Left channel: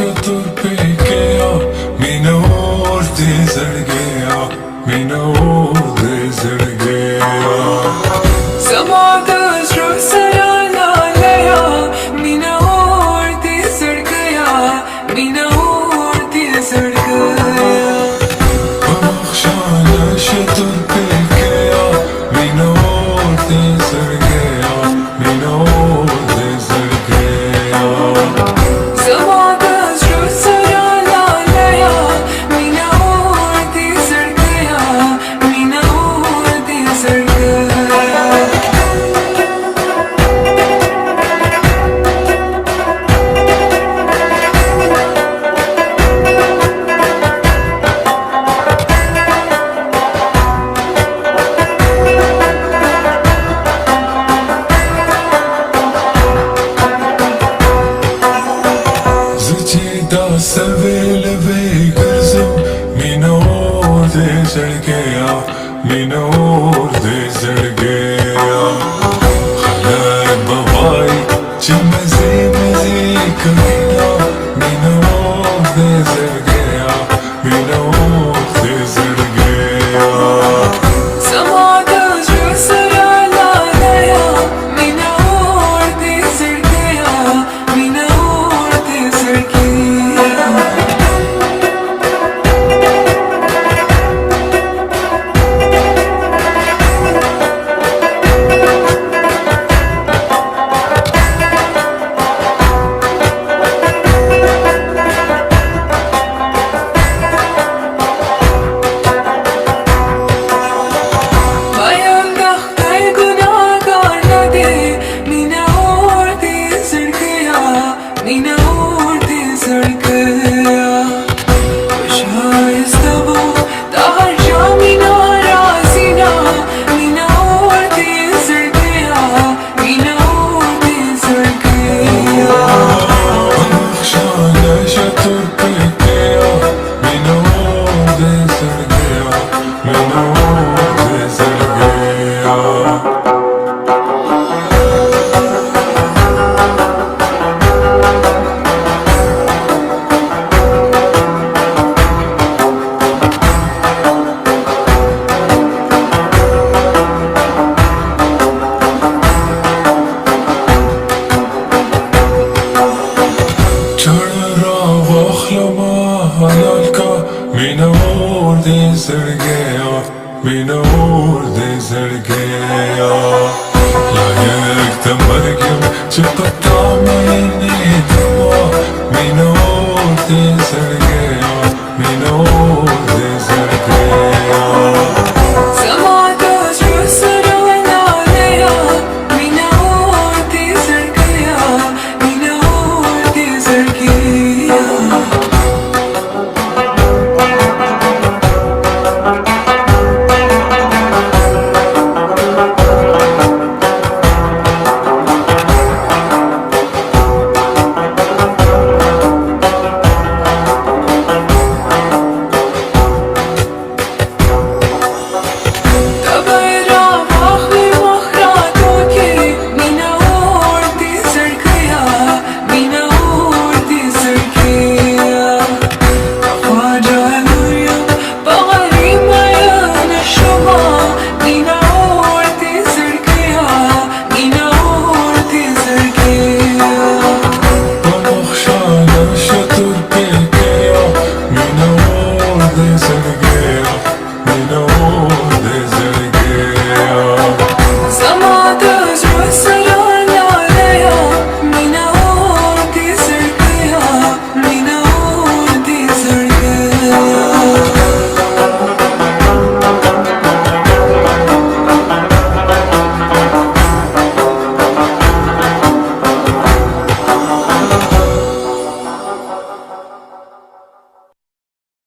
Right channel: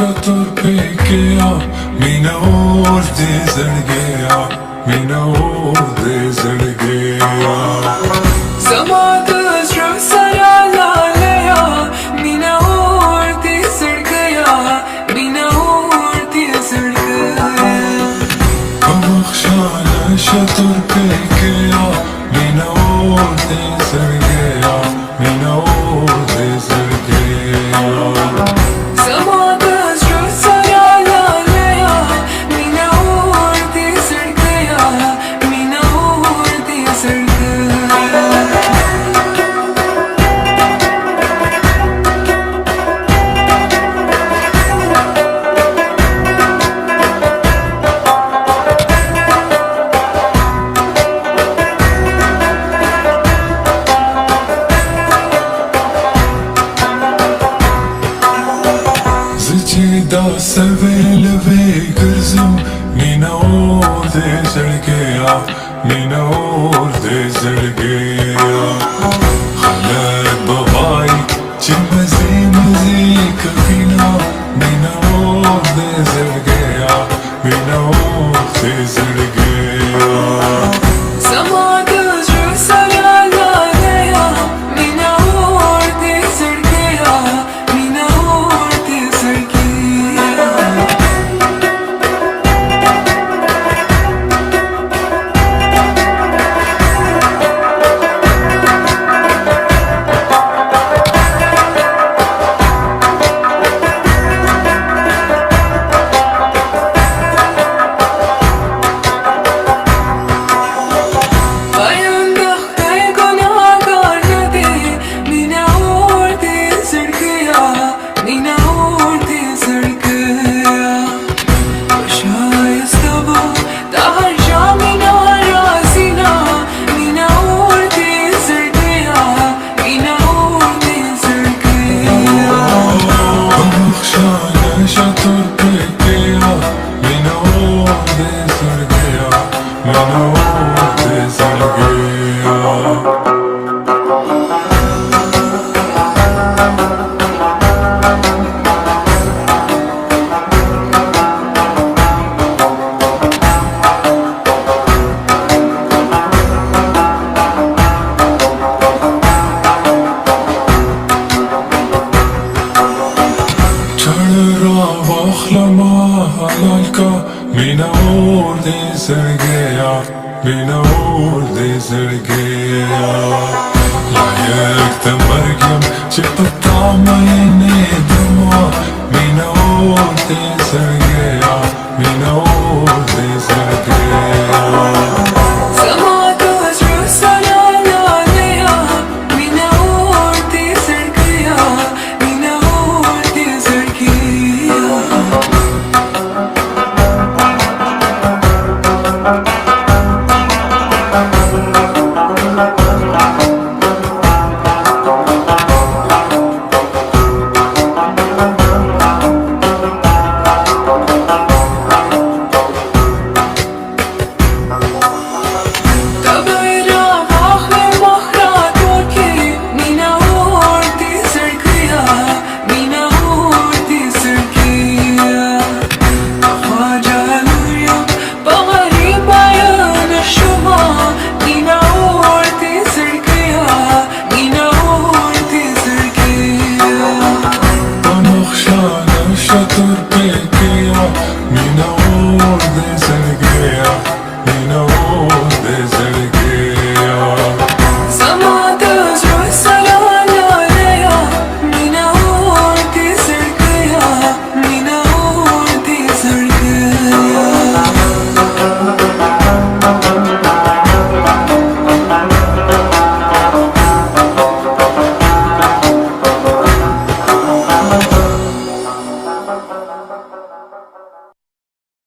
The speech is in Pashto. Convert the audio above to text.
شطر بكيا منور دي زرقيا منور دي زرقيا سمعت أشرف سلام عليا منور دي زرقيا منور دي زرقيا بمخشانة شطر بكيا منور دي زرقيا منور دي زرقيا سمعت أشرف سلام عليا منور دي زرقيا منور دي زرقيا زجيدا سويلوي گرزم منور دي زرقيا منور دي زرقيا خلق بغاي جمزي مزيك بينا منور دي زرقيا منور دي زرقيا سمعت أشرف سلام عليا منور دي زرقيا منور دي زرقيا منور دي زرقيا وشايس تبو تهرجع من راسنا منور دي زرقيا منور دي زرقيا بمخشانة شطر بكيا منور دي زرقيا منور دي زرقيا منور دي زرقيا منور دي زرقيا لا يك تمرقم جبت طعمين